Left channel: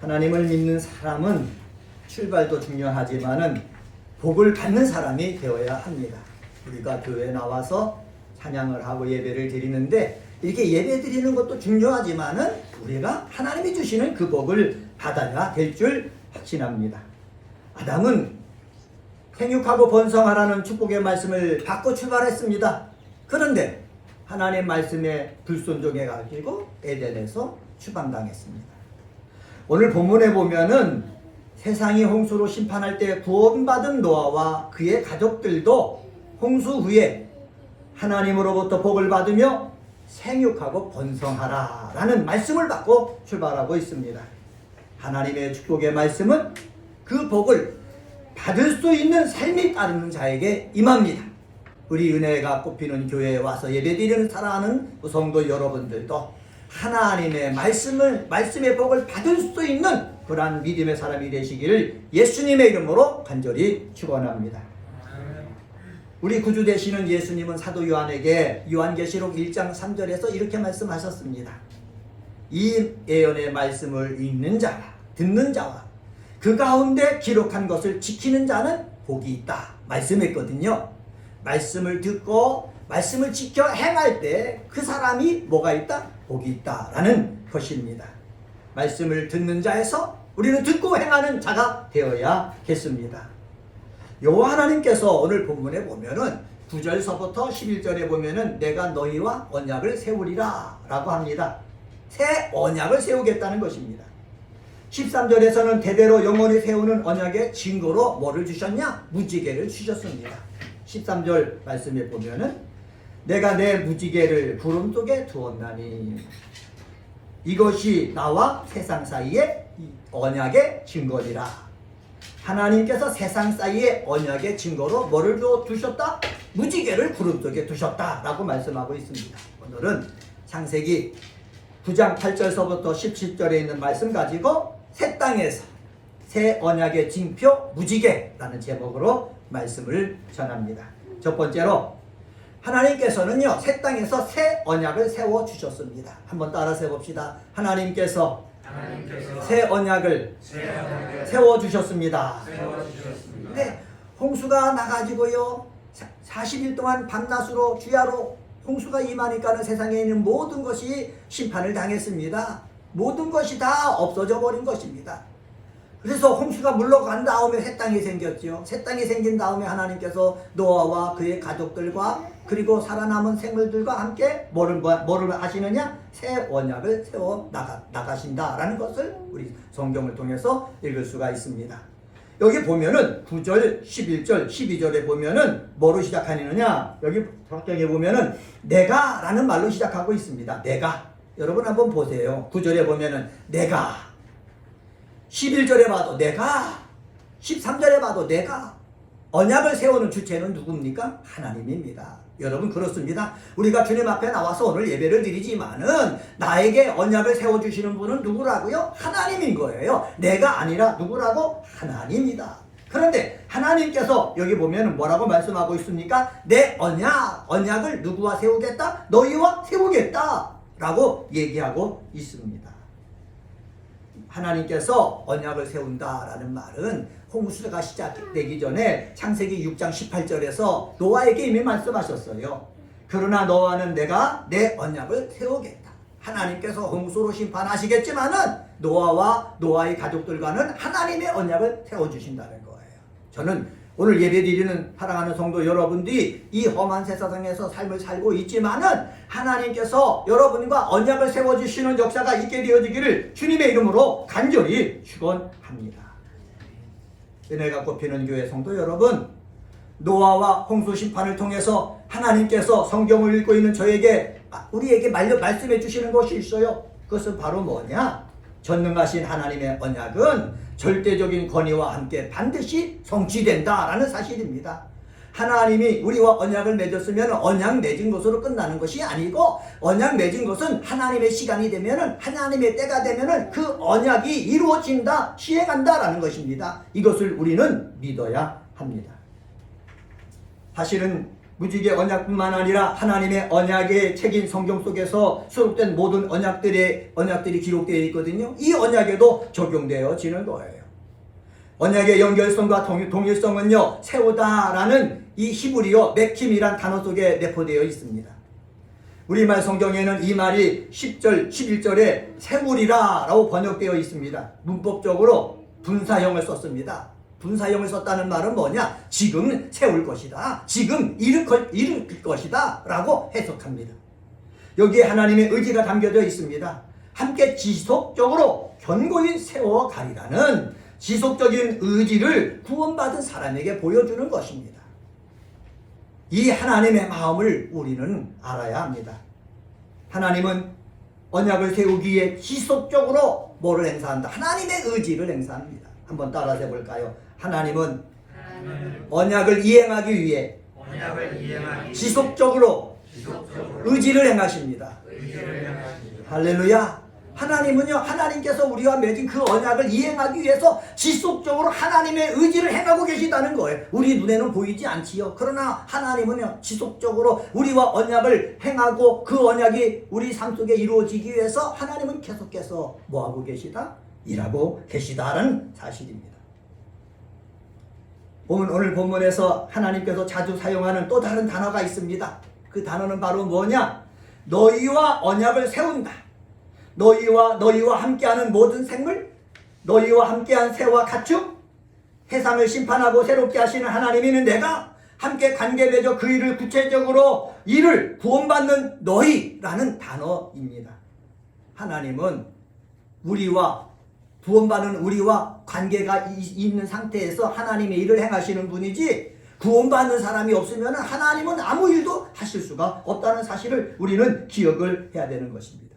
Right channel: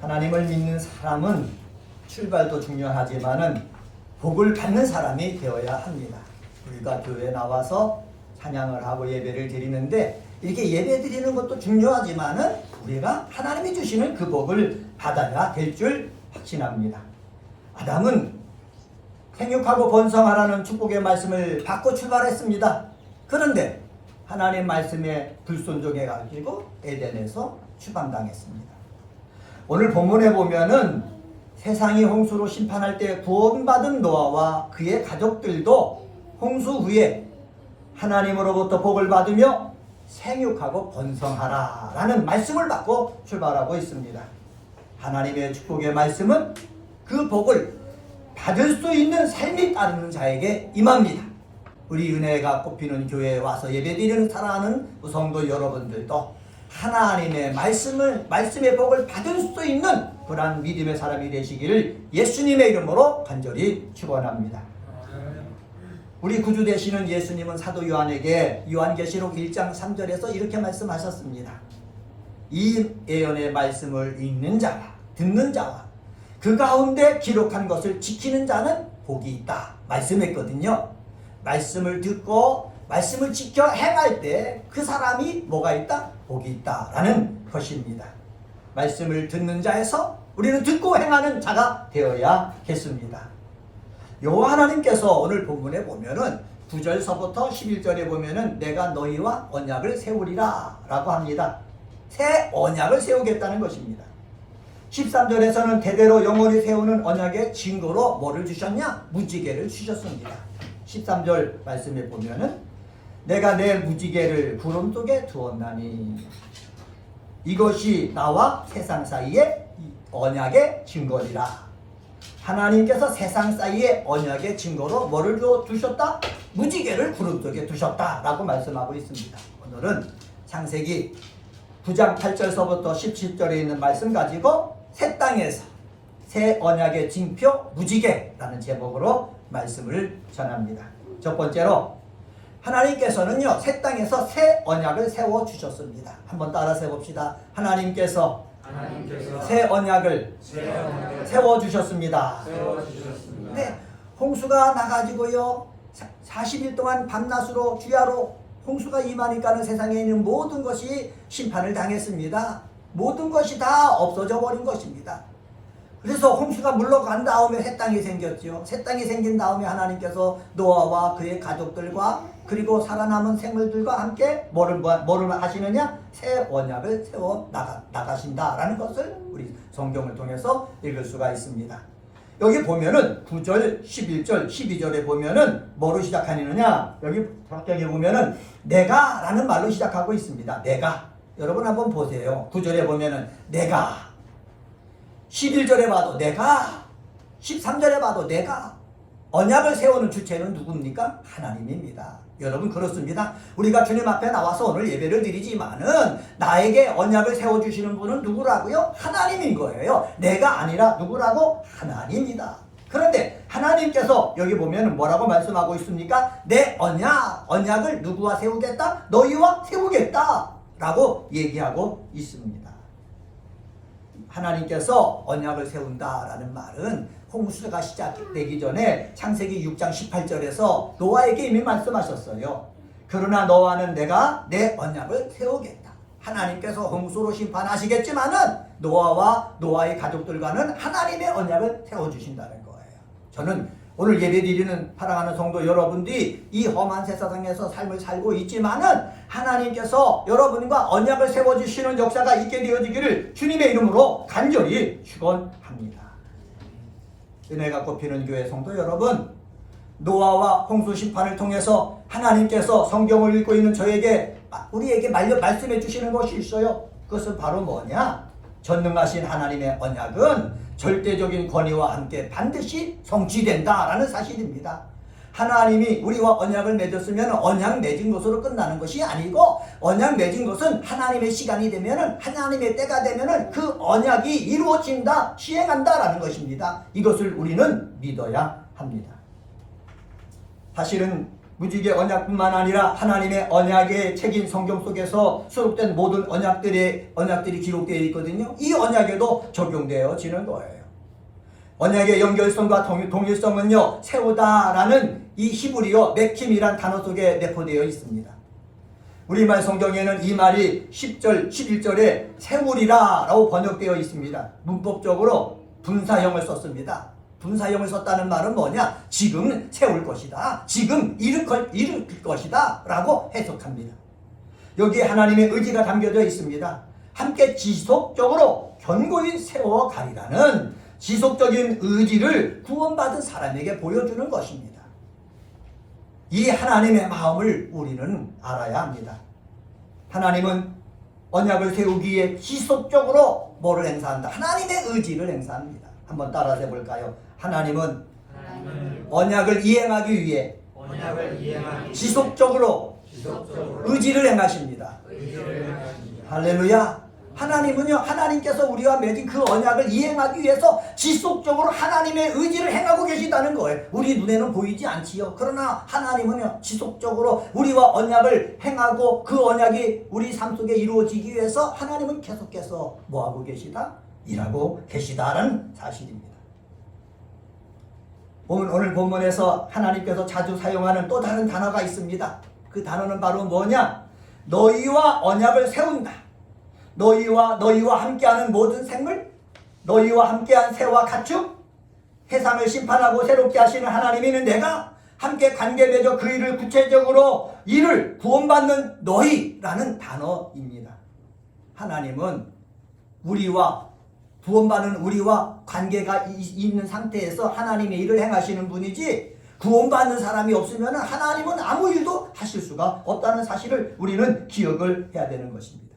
하나님을 믿는 사람은 출발도 중요하지만은 복을 받는 사람이 되어야 합니다. 우리가 교회에 나와서 찬양을 하고 예배를 드리는데 이렇게 예배 드리는 것도 중요하지만은 우리가 하나님이 주시는 그 복을 받아야 될 줄 확신합니다. 아담은 생육하고 번성하라는 축복의 말씀을 받고 출발했습니다. 그런데 하나님 말씀에 불순종해가지고 에덴에서 추방당했습니다. 오늘 본문에 보면은 세상이 홍수로 심판할 때 구원받은 노아와 그의 가족들도 홍수 후에 하나님으로부터 복을 받으며 생육하고 번성하라 라는 말씀을 받고 출발하고 있습니다. 하나님의 축복의 말씀은 그 복을 받을 수 있는 삶이 따르는 자에게 임합니다. 우리 은혜가 꽃피는 교회에 와서 예배드리는 사랑하는 성도 여러분들도 하나님의 말씀의 복을 받을 수 있는 그러한 믿음의 사람이 되시기를 예수님의 이름으로 간절히 축원합니다. 우리 구주 되시는 예수님은 사도 요한에게 요한계시록 1장 3절에서 이렇게 말씀하셨습니다. 이 예언의 말씀을 읽는 자와 듣는 자와 그 가운데 기록한 것을 지키는 자는 복이 있다 말씀했거든요. 말씀을 듣고 말씀을 지켜 행할 때 그 사람이 뭐가 있다? 복이 있다라는 것입니다. 말씀을 듣는 자에서 우리는 듣고 행하는 자가 되어야겠습니다. 여호와 하나님께서 오늘 본문에 보면은 9절서부터 11절에 보면은 내가 너희와 언약을 세우리라 라고 합니다. 새 언약을 세우겠다는 것입니다. 13절에서는 대대로 영원히 세우는 언약의 증거로 뭐를 주셨냐? 무지개를 주셨습니다. 13절 말씀에 보면은 내가 내 무지개를 구름 속에 두었나니 이것이 나와 세상 사이의 언약의 증거리라. 하나님께서 세상 사이의 언약의 증거로 뭐를 두셨다? 무지개를 구름 속에 두셨다 라고 말씀하고 있습니다. 오늘은 창세기 9장 8절서부터 17절에 있는 말씀 가지고 새 땅에서 새 언약의 징표 무지개라는 제목으로 말씀을 전합니다. 첫 번째로 하나님께서는요 새 땅에서 새 언약을 세워 주셨습니다. 한번 따라서 봅시다. 하나님께서 새 언약을 세워 주셨습니다. 네, 홍수가 나가지고요 40일 동안 밤낮으로 주야로 홍수가 임하니까는 세상에 있는 모든 것이 심판을 당했습니다. 모든 것이 다 없어져 버린 것입니다. 그래서 홍수가 물러간 다음에 새 땅이 생겼죠. 새 땅이 생긴 다음에 하나님께서 노아와 그의 가족들과 그리고 살아남은 생물들과 함께 뭐를 하시느냐? 새 언약을 세워 나가신다라는 것을 우리 성경을 통해서 읽을 수가 있습니다. 여기 보면은 9절, 11절, 12절에 보면은 뭐로 시작하느냐? 여기 성경에 보면은 내가 라는 말로 시작하고 있습니다. 내가. 여러분 한번 보세요. 9절에 보면은 내가, 11절에 봐도 내가, 13절에 봐도 내가. 언약을 세우는 주체는 누굽니까? 하나님입니다. 여러분 그렇습니다. 우리가 주님 앞에 나와서 오늘 예배를 드리지만은 나에게 언약을 세워주시는 분은 누구라고요? 하나님인 거예요. 내가 아니라 누구라고? 하나님이다. 그런데 하나님께서 여기 보면 뭐라고 말씀하고 있습니까? 내 언약을 누구와 세우겠다? 너희와 세우겠다 라고 얘기하고 있습니다. 하나님께서 언약을 세운다라는 말은 홍수가 시작되기 전에 창세기 6장 18절에서 노아에게 이미 말씀하셨어요. 그러나 너와는 내가 내 언약을 세우겠다. 하나님께서 홍수로 심판하시겠지만은 노아와 노아의 가족들과는 하나님의 언약을 세워주신다는 거예요. 저는 오늘 예배드리는 사랑하는 성도 여러분들이 이 험한 세상에서 삶을 살고 있지만은 하나님께서 여러분과 언약을 세워주시는 역사가 있게 되어지기를 주님의 이름으로 간절히 축원합니다. 은혜가 꽃피는 교회 성도 여러분, 노아와 홍수 심판을 통해서 하나님께서 성경을 읽고 있는 우리에게 말씀해 주시는 것이 있어요. 그것은 바로 뭐냐? 전능하신 하나님의 언약은 절대적인 권위와 함께 반드시 성취된다라는 사실입니다. 하나님이 우리와 언약을 맺었으면 언약 맺은 것으로 끝나는 것이 아니고 언약 맺은 것은 하나님의 시간이 되면은 하나님의 때가 되면은 그 언약이 이루어진다, 시행한다라는 것입니다. 이것을 우리는 믿어야 합니다. 사실은 무지개 언약뿐만 아니라 하나님의 언약의 책인 성경 속에서 수록된 모든 언약들이 기록되어 있거든요. 이 언약에도 적용되어지는 거예요. 언약의 연결성과 동일성은요, 세우다라는 이 히브리어 메킴이란 단어 속에 내포되어 있습니다. 우리말 성경에는 이 말이 10절, 11절에 세우리라 라고 번역되어 있습니다. 문법적으로 분사형을 썼습니다. 분사형을 썼다는 말은 뭐냐? 지금 세울 것이다. 지금 일으킬 것이다. 라고 해석합니다. 여기에 하나님의 의지가 담겨져 있습니다. 함께 지속적으로 견고히 세워가리라는 지속적인 의지를 구원받은 사람에게 보여주는 것입니다. 이 하나님의 마음을 우리는 알아야 합니다. 하나님은 언약을 세우기 위해 지속적으로 뭐를 행사한다? 하나님의 의지를 행사합니다. 한번 따라서 해볼까요? 하나님은 언약을 이행하기 위해 지속적으로 의지를 행하십니다. 할렐루야. 하나님은요, 하나님께서 우리와 맺은 그 언약을 이행하기 위해서 지속적으로 하나님의 의지를 행하고 계시다는 거예요. 우리 눈에는 보이지 않지요. 그러나 하나님은요, 지속적으로 우리와 언약을 행하고 그 언약이 우리 삶 속에 이루어지기 위해서 하나님은 계속해서 뭐하고 계시다? 일하고 계시다는 사실입니다. 오늘 본문에서 하나님께서 자주 사용하는 또 다른 단어가 있습니다. 그 단어는 바로 뭐냐? 너희와 언약을 세운다. 너희와 함께하는 모든 생물, 너희와 함께한 새와 가축, 세상을 심판하고 새롭게 하시는 하나님이는 내가 함께 관계 맺어 그 일을 구체적으로 이를 구원받는 너희라는 단어입니다. 하나님은 구원받는 우리와 관계가 있는 상태에서 하나님의 일을 행하시는 분이지, 구원받는 사람이 없으면 하나님은 아무 일도 하실 수가 없다는 사실을 우리는 기억을 해야 되는 것입니다.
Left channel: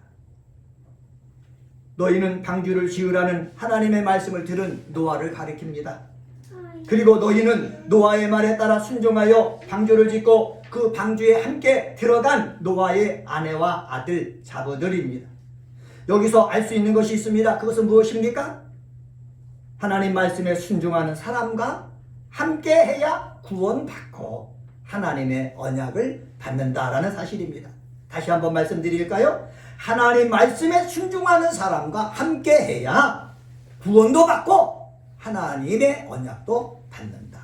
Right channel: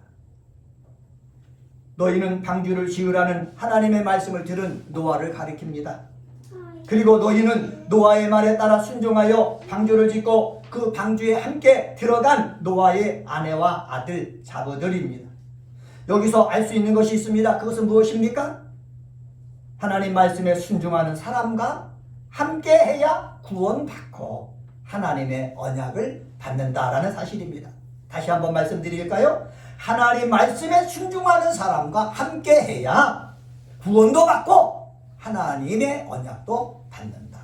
너희는 방주를 지으라는 하나님의 말씀을 들은 노아를 가리킵니다. 그리고 너희는 노아의 말에 따라 순종하여 방주를 짓고 그 방주에 함께 들어간 노아의 아내와 아들 자녀들입니다. 여기서 알 수 있는 것이 있습니다. 그것은 무엇입니까? 하나님 말씀에 순종하는 사람과 함께 해야 구원받고 하나님의 언약을 받는다라는 사실입니다. 다시 한번 말씀드릴까요? 하나님 말씀에 순종하는 사람과 함께 해야 구원도 받고 하나님의 언약도 받는다.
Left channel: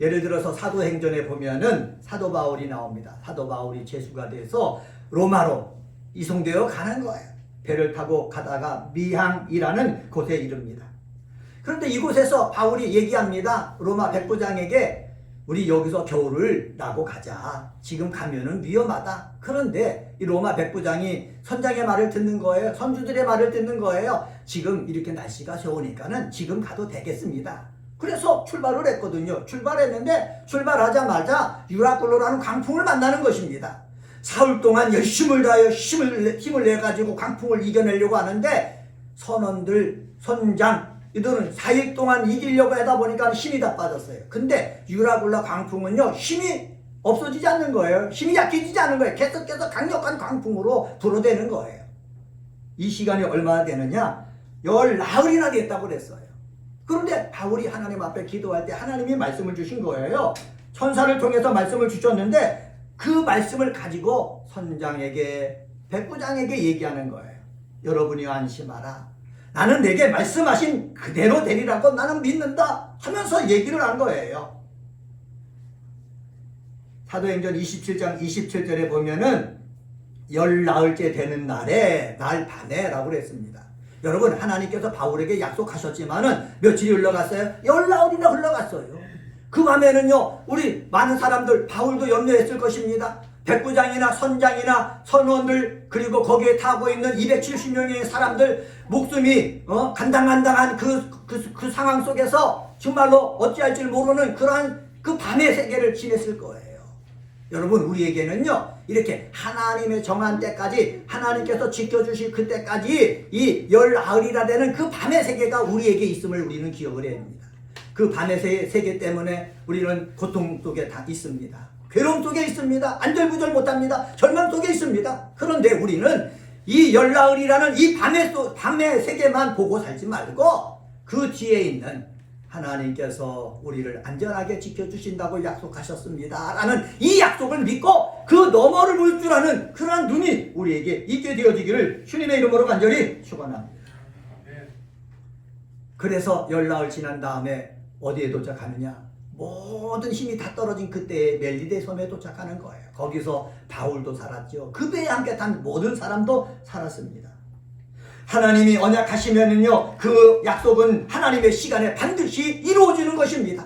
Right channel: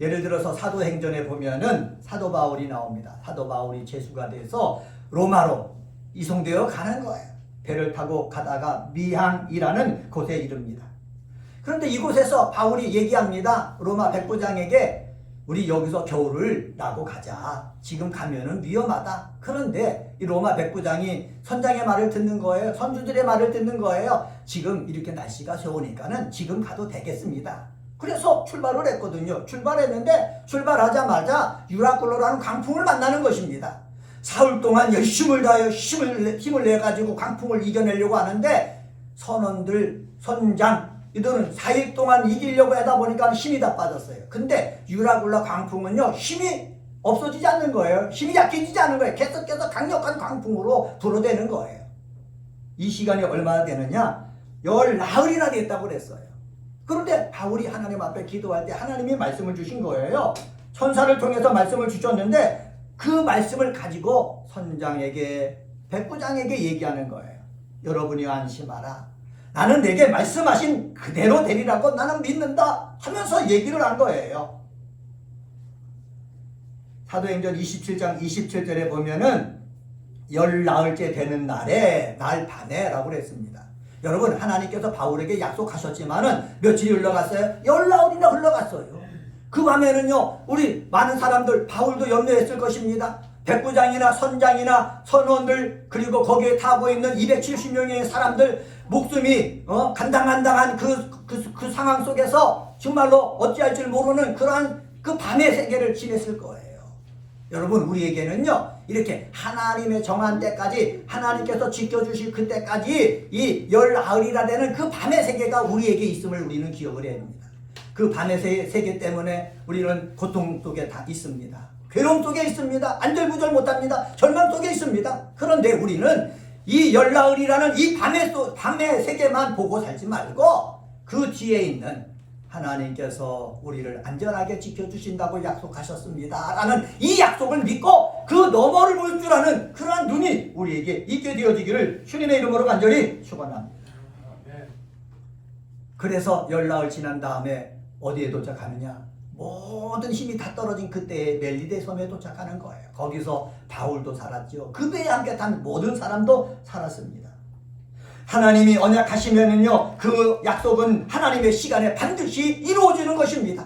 예를 들어서 사도행전에 보면은 사도 바울이 나옵니다. 사도 바울이 제수가 돼서 로마로 이송되어 가는 거예요. 배를 타고 가다가 미항이라는 곳에 이릅니다. 그런데 이곳에서 바울이 얘기합니다. 로마 백부장에게 우리 여기서 겨울을 나고 가자. 지금 가면은 위험하다. 그런데 이 로마 백부장이 선장의 말을 듣는 거예요. 선주들의 말을 듣는 거예요. 지금 이렇게 날씨가 좋으니까는 지금 가도 되겠습니다. 그래서 출발을 했거든요. 출발했는데 출발하자마자 유라굴로라는 광풍을 만나는 것입니다. 사흘 동안 열심을 다하여 힘을 내가지고 광풍을 이겨내려고 하는데 선원들, 선장 이들은 4일 동안 이기려고 하다 보니까 힘이 다 빠졌어요. 근데 유라굴라 광풍은요, 힘이 없어지지 않는 거예요. 힘이 약해지지 않는 거예요. 계속해서 강력한 광풍으로 불어대는 거예요. 이 시간이 얼마나 되느냐? 열나흘이나 됐다고 그랬어요. 그런데 바울이 하나님 앞에 기도할 때 하나님이 말씀을 주신 거예요. 천사를 통해서 말씀을 주셨는데 그 말씀을 가지고 선장에게, 백부장에게 얘기하는 거예요. 여러분이 안심하라. 나는 내게 말씀하신 그대로 되리라고 나는 믿는다 하면서 얘기를 한 거예요. 사도행전 27장 27절에 보면은 열나흘째 되는 날에 날 밤에라고 그랬습니다. 여러분, 하나님께서 바울에게 약속하셨지만은 며칠이 흘러갔어요? 열나흘이나 흘러갔어요. 그 밤에는요, 우리 많은 사람들, 바울도 염려했을 것입니다. 백부장이나 선장이나 선원들, 그리고 거기에 타고 있는 270명의 사람들 목숨이 간당간당한 그 상황 속에서 정말로 어찌할 줄 모르는 그러한 그 밤의 세계를 지냈을 거예요. 여러분, 우리에게는요, 이렇게 하나님의 정한 때까지, 하나님께서 지켜주실 그때까지 이 열나흘이나 되는 그 밤의 세계가 우리에게 있음을 우리는 기억을 해야 합니다. 그 밤의 세계 때문에 우리는 고통 속에 다 있습니다. 괴로움 속에 있습니다. 안절부절 못합니다. 절망 속에 있습니다. 그런데 우리는 이 열나흘이라는 이 밤의 세계만 보고 살지 말고 그 뒤에 있는 하나님께서 우리를 안전하게 지켜주신다고 약속하셨습니다 라는 이 약속을 믿고 그 너머를 볼 줄 아는 그러한 눈이 우리에게 있게 되어지기를 주님의 이름으로 간절히 축원합니다. 그래서 열나흘 지난 다음에 어디에 도착하느냐? 모든 힘이 다 떨어진 그때의 멜리데 섬에 도착하는 거예요. 거기서 바울도 살았죠. 그 배에 함께 탄 모든 사람도 살았습니다. 하나님이 언약하시면은요, 그 약속은 하나님의 시간에 반드시 이루어지는 것입니다.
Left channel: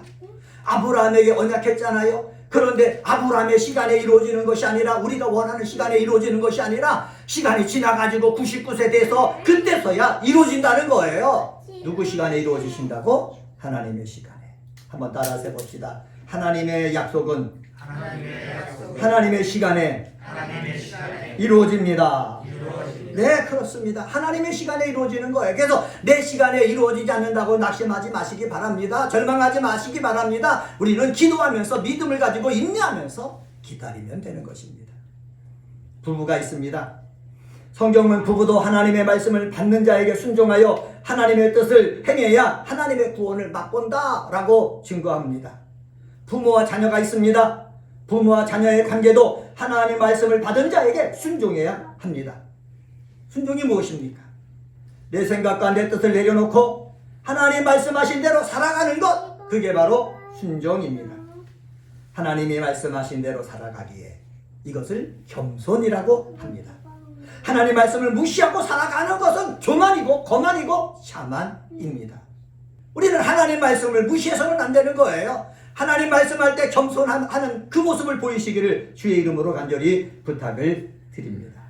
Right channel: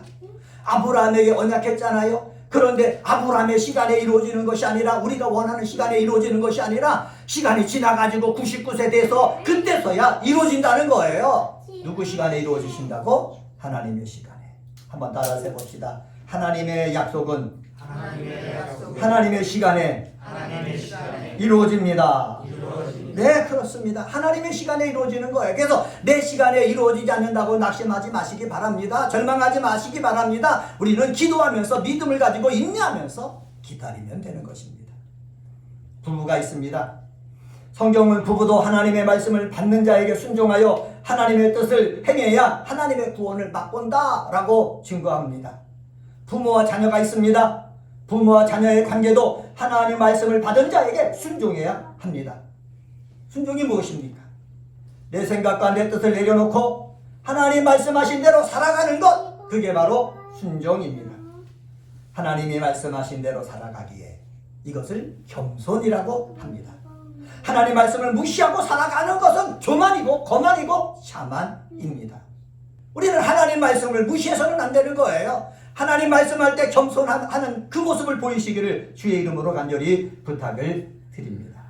아브라함에게 언약했잖아요. 그런데 아브라함의 시간에 이루어지는 것이 아니라, 우리가 원하는 시간에 이루어지는 것이 아니라 시간이 지나가지고 99세 돼서 그때서야 이루어진다는 거예요. 누구 시간에 이루어지신다고? 하나님의 시간에. 한번 따라서 해봅시다. 하나님의 약속은 하나님의 시간에 이루어집니다. 네, 그렇습니다. 하나님의 시간에 이루어지는 거예요. 그래서 내 시간에 이루어지지 않는다고 낙심하지 마시기 바랍니다. 절망하지 마시기 바랍니다. 우리는 기도하면서 믿음을 가지고 인내하면서 기다리면 되는 것입니다. 부부가 있습니다. 성경은 부부도 하나님의 말씀을 받는 자에게 순종하여 하나님의 뜻을 행해야 하나님의 구원을 맛본다 라고 증거합니다. 부모와 자녀가 있습니다. 부모와 자녀의 관계도 하나님의 말씀을 받은 자에게 순종해야 합니다. 순종이 무엇입니까? 내 생각과 내 뜻을 내려놓고 하나님 말씀하신 대로 살아가는 것, 그게 바로 순종입니다. 하나님이 말씀하신 대로 살아가기에 이것을 겸손이라고 합니다. 하나님 말씀을 무시하고 살아가는 것은 교만이고 거만이고 샤만입니다. 우리는 하나님 말씀을 무시해서는 안 되는 거예요. 하나님 말씀할 때 겸손하는 그 모습을 보이시기를 주의 이름으로 간절히 부탁을 드립니다.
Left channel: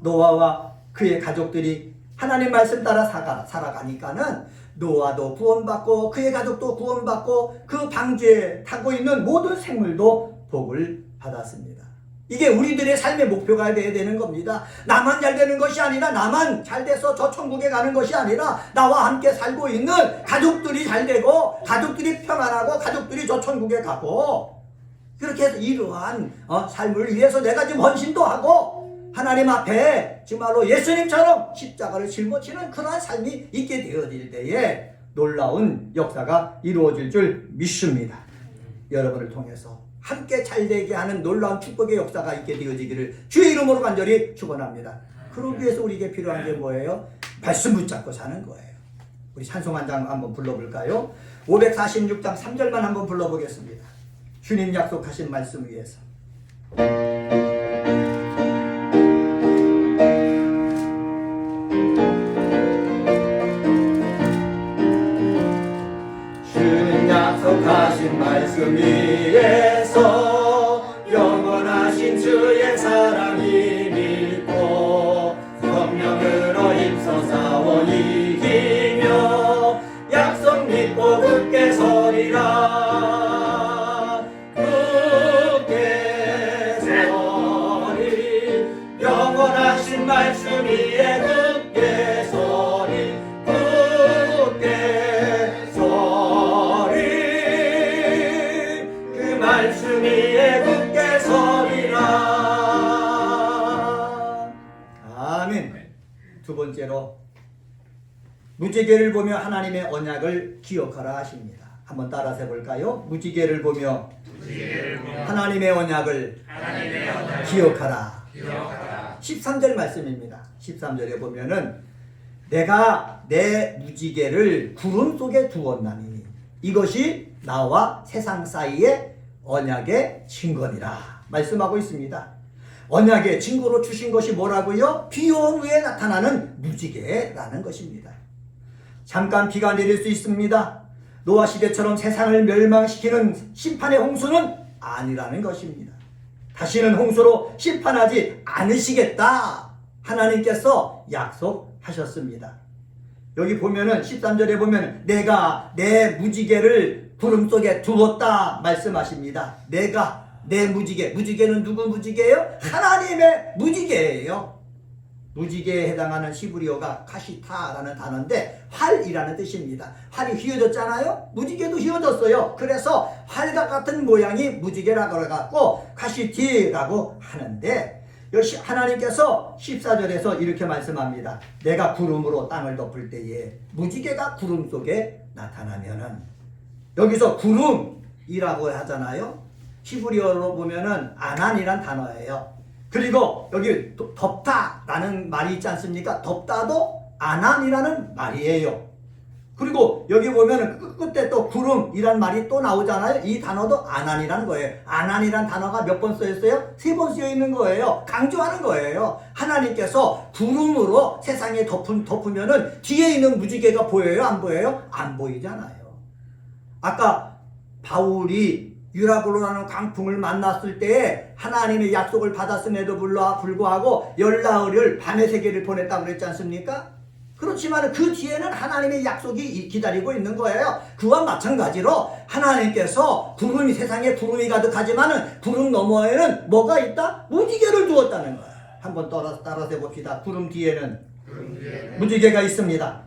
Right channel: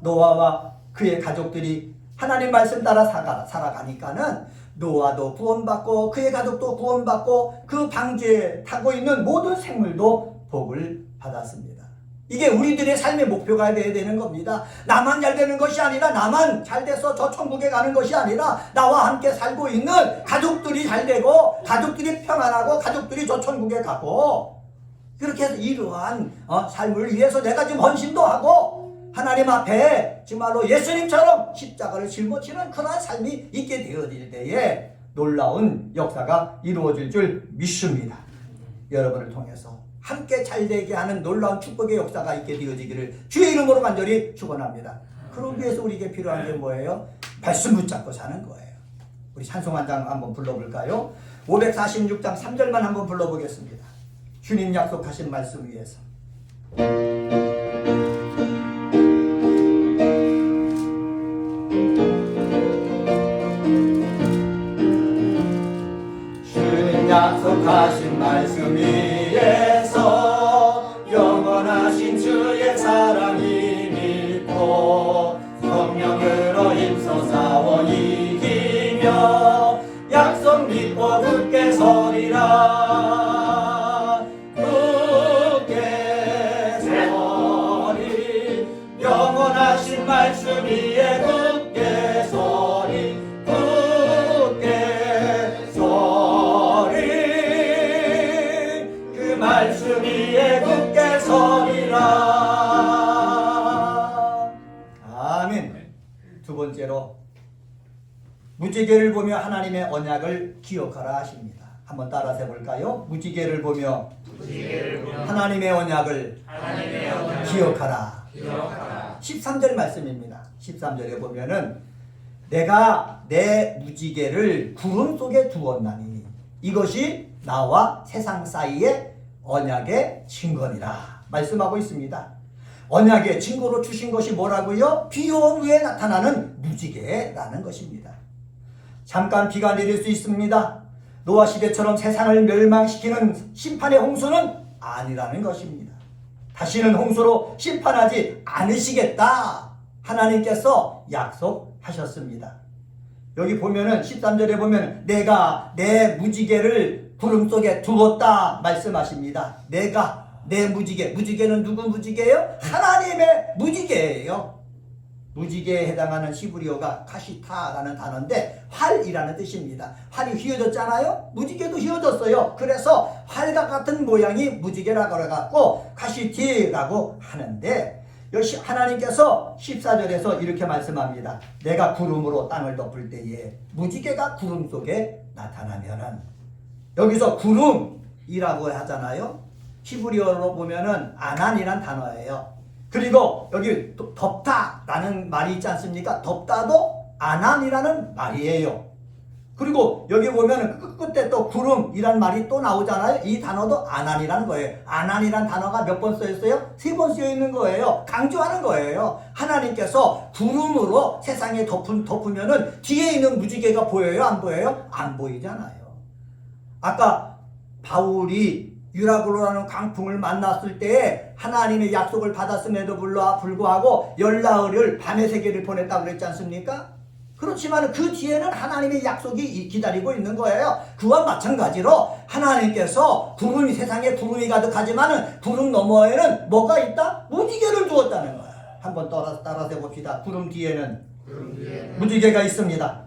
노아와 그의 가족들이 하나님 말씀 따라 살아가니까는 노아도 구원받고 그의 가족도 구원받고 그 방주에 타고 있는 모든 생물도 복을 받았습니다. 이게 우리들의 삶의 목표가 되어야 되는 겁니다. 나만 잘 되는 것이 아니라, 나만 잘 돼서 저 천국에 가는 것이 아니라, 나와 함께 살고 있는 가족들이 잘 되고 가족들이 평안하고 가족들이 저 천국에 가고, 그렇게 해서 이러한 삶을 위해서 내가 지금 헌신도 하고 하나님 앞에 정말로 예수님처럼 십자가를 짊어지는 그러한 삶이 있게 되어질 때에 놀라운 역사가 이루어질 줄 믿습니다. 여러분을 통해서 함께 잘되게 하는 놀라운 축복의 역사가 있게 되어지기를 주의 이름으로 간절히 축원합니다. 그러기 위해서 우리에게 필요한 게 뭐예요? 말씀 붙잡고 사는 거예요. 우리 찬송 한 장 한번 불러볼까요? 546장 3절만 한번 불러보겠습니다. 주님 약속하신 말씀 위해서. 주님 약속하신 말씀 위에서 영원하신 주의 사랑이 믿고 성령으로 힘써 싸워 이기며 약속 믿고 굳게 서리라. 굳게 서리 영원하신 말씀 위에 굳게 서리. 굳게 서리 그 말씀 위에 굳게 서리라. 아멘. 두 번째로 무지개를 보며 하나님의 언약을 기억하라 하십니다. 한번 따라서 해볼까요? 무지개를 보며 하나님의 언약을 기억하라. 13절 말씀입니다. 13절에 보면은 내가 내 무지개를 구름 속에 두었나니 이것이 나와 세상 사이의 언약의 증거니라 말씀하고 있습니다. 언약의 증거로 주신 것이 뭐라고요? 비온 후에 나타나는 무지개라는 것입니다. 잠깐 비가 내릴 수 있습니다. 노아 시대처럼 세상을 멸망시키는 심판의 홍수는 아니라는 것입니다. 다시는 홍수로 심판하지 않으시겠다 하나님께서 약속하셨습니다. 여기 보면은 13절에 보면 내가 내 무지개를 구름 속에 두었다 말씀하십니다. 내가 내 무지개는 누구 무지개예요? 하나님의 무지개예요. 무지개에 해당하는 히브리어가 카시타라는 단어인데 활이라는 뜻입니다. 활이 휘어졌잖아요. 무지개도 휘어졌어요. 그래서 활과 같은 모양이 무지개라고 해갖고 카시티라고 하는데, 역시 하나님께서 14절에서 이렇게 말씀합니다. 내가 구름으로 땅을 덮을 때에 무지개가 구름 속에 나타나면은 여기서 구름이라고 하잖아요. 히브리어로 보면은 아난이란 단어예요. 그리고 여기 덥다라는 말이 있지 않습니까? 덥다도 아난이라는 말이에요. 그리고 여기 보면은 끝에 또 구름이란 말이 또 나오잖아요. 이 단어도 아난이라는 거예요. 아난이란 단어가 몇 번 쓰였어요? 3번 쓰여 있는 거예요. 강조하는 거예요. 하나님께서 구름으로 세상에 덮으면은 뒤에 있는 무지개가 보여요? 안 보여요? 안 보이잖아요. 아까 바울이 유라굴로라는 광풍을 만났을 때 하나님의 약속을 받았음에도 불구하고 열나흘을 밤의 세계를 보냈다고 그랬지 않습니까? 그렇지만 그 뒤에는 하나님의 약속이 기다리고 있는 거예요. 그와 마찬가지로 하나님께서 구름이 세상에 구름이 가득하지만 구름 너머에는 뭐가 있다? 무지개를 두었다는 거예요. 한번 따라서 해봅시다. 구름 뒤에는 무지개가 있습니다.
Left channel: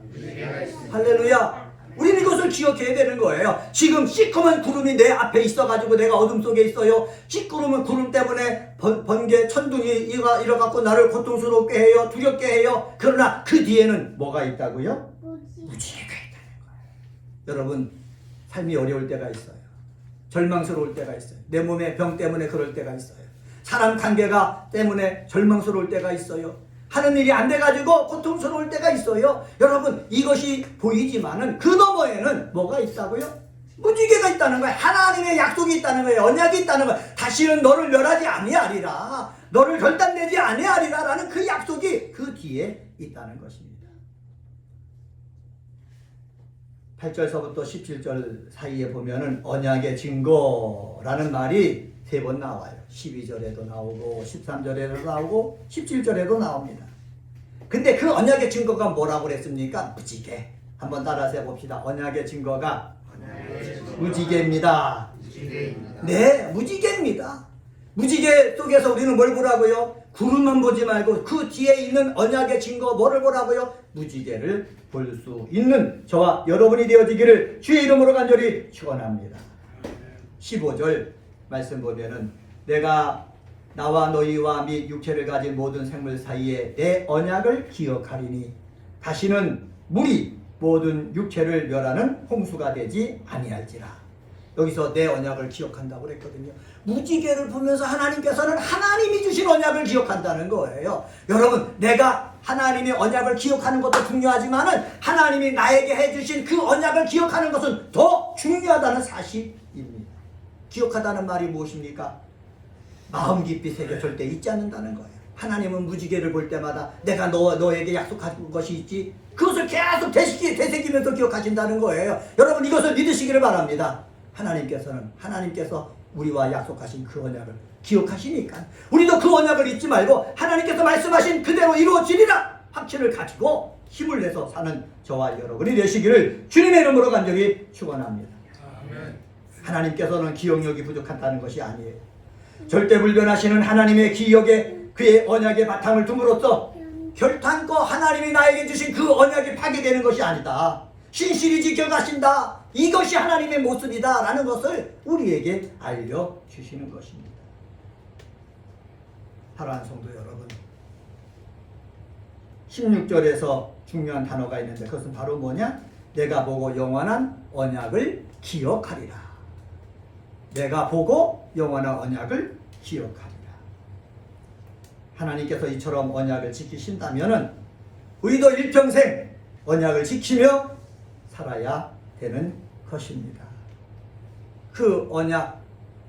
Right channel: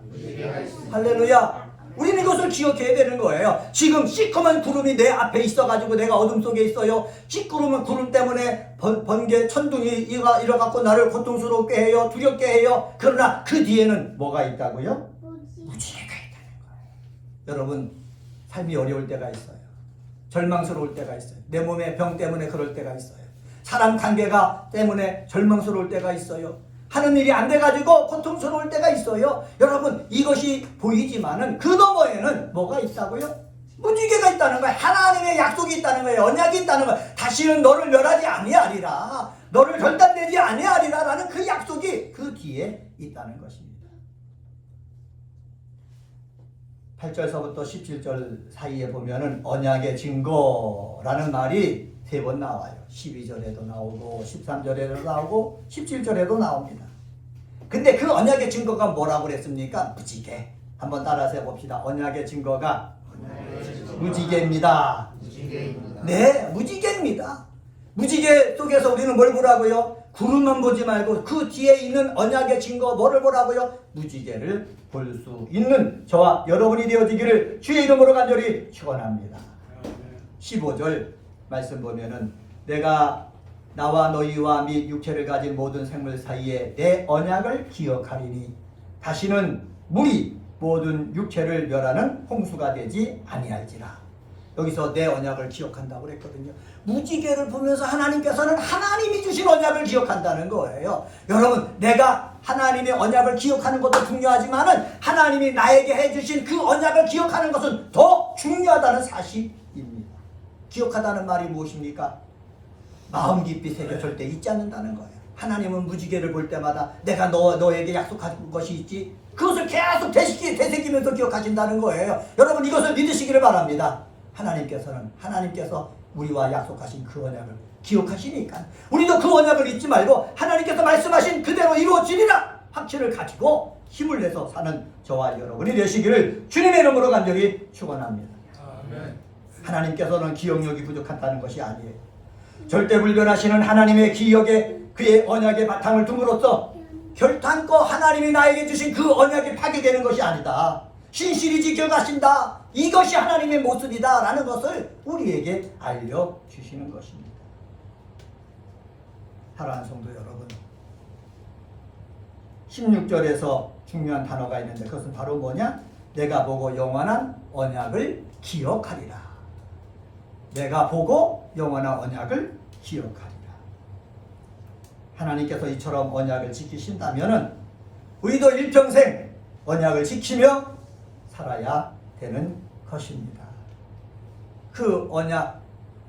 할렐루야. 우리는 이것을 기억해야 되는 거예요. 지금 시커먼 구름이 내 앞에 있어가지고 내가 어둠 속에 있어요. 시끄러운 구름 때문에 번개 천둥이 일어갖고 나를 고통스럽게 해요. 두렵게 해요. 그러나 그 뒤에는 뭐가 있다고요? 무지개가 있다는 거예요. 여러분, 삶이 어려울 때가 있어요. 절망스러울 때가 있어요. 내 몸의 병 때문에 그럴 때가 있어요. 사람 관계가 때문에 절망스러울 때가 있어요. 하는 일이 안 돼가지고 고통스러울 때가 있어요. 여러분, 이것이 보이지만은 그 너머에는 뭐가 있다고요? 무지개가 있다는 거예요. 하나님의 약속이 있다는 거예요. 언약이 있다는 거예요. 다시는 너를 멸하지 아니하리라, 너를 결단내지 아니하리라 라는 그 약속이 그 뒤에 있다는 것입니다. 8절서부터 17절 사이에 보면은 언약의 증거라는 말이 3번 나와요. 12절에도 나오고 13절에도 나오고 17절에도 나옵니다. 근데 그 언약의 증거가 뭐라고 그랬습니까? 무지개. 한번 따라서 해봅시다. 언약의 증거가 무지개입니다. 네, 무지개입니다. 무지개 속에서 우리는 뭘 보라고요? 구름만 보지 말고 그 뒤에 있는 언약의 증거 뭐를 보라고요? 무지개를 볼 수 있는 저와 여러분이 되어지기를 주의 이름으로 간절히 축원합니다. 15절 말씀 보면은 내가 나와 너희와 및 육체를 가진 모든 생물 사이에 내 언약을 기억하리니 다시는 물이 모든 육체를 멸하는 홍수가 되지 아니할지라. 여기서 내 언약을 기억한다고 그랬거든요. 무지개를 보면서 하나님께서는 하나님이 주신 언약을 기억한다는 거예요. 여러분, 내가 하나님의 언약을 기억하는 것도 중요하지만은 하나님이 나에게 해주신 그 언약을 기억하는 것은 더 중요하다는 사실입니다. 기억하다는 말이 무엇입니까? 마음 깊이 새겨질 때 잊지 않는다는 거예요. 하나님은 무지개를 볼 때마다 내가 너에게 약속한 것이 있지, 그것을 계속 되새기면서 기억하신다는 거예요. 여러분, 이것을 믿으시기를 바랍니다. 하나님께서 우리와 약속하신 그 언약을 기억하시니까 우리도 그 언약을 잊지 말고 하나님께서 말씀하신 그대로 이루어지리라 확신을 가지고 힘을 내서 사는 저와 여러분이 되시기를 주님의 이름으로 간절히 축원합니다. 하나님께서는 기억력이 부족하다는 것이 아니에요. 절대 불변하시는 하나님의 기억에 그의 언약의 바탕을 둠으로써 결탄코 하나님이 나에게 주신 그 언약이 파괴되는 것이 아니다. 신실히 지켜가신다. 이것이 하나님의 모습이다 라는 것을 우리에게 알려주시는 것입니다. 사랑하는 성도 여러분, 16절에서 중요한 단어가 있는데 그것은 바로 뭐냐? 내가 보고 영원한 언약을 기억하리라. 내가 보고 영원한 언약을 기억하리라. 하나님께서 이처럼 언약을 지키신다면 우리도 일평생 언약을 지키며 살아야 되는 것입니다. 그 언약,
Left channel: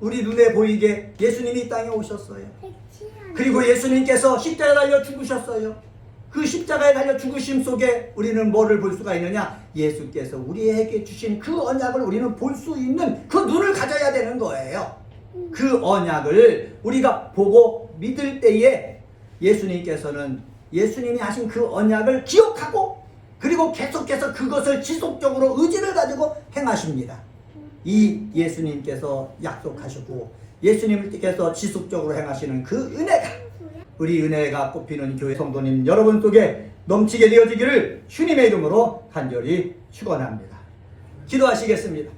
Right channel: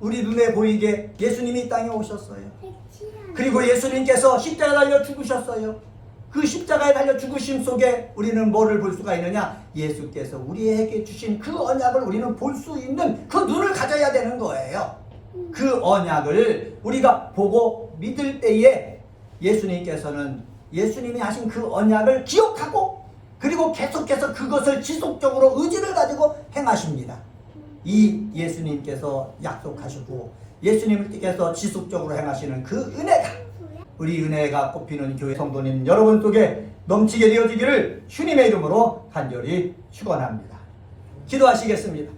우리 눈에 보이게 예수님이 이 땅에 오셨어요. 그리고 예수님께서 십자가에 달려 죽으셨어요. 그 십자가에 달려 죽으심 속에 우리는 뭐를 볼 수가 있느냐? 예수께서 우리에게 주신 그 언약을 우리는 볼 수 있는 그 눈을 가져야 되는 거예요. 그 언약을 우리가 보고 믿을 때에 예수님께서는 예수님이 하신 그 언약을 기억하고 그리고 계속해서 그것을 지속적으로 의지를 가지고 행하십니다. 이 예수님께서 약속하시고 예수님께서 지속적으로 행하시는 그 은혜가 우리 은혜가 꼽히는 교회 성도님 여러분 속에 넘치게 되어지기를 주님의 이름으로 간절히 축원합니다. 기도하시겠습니다.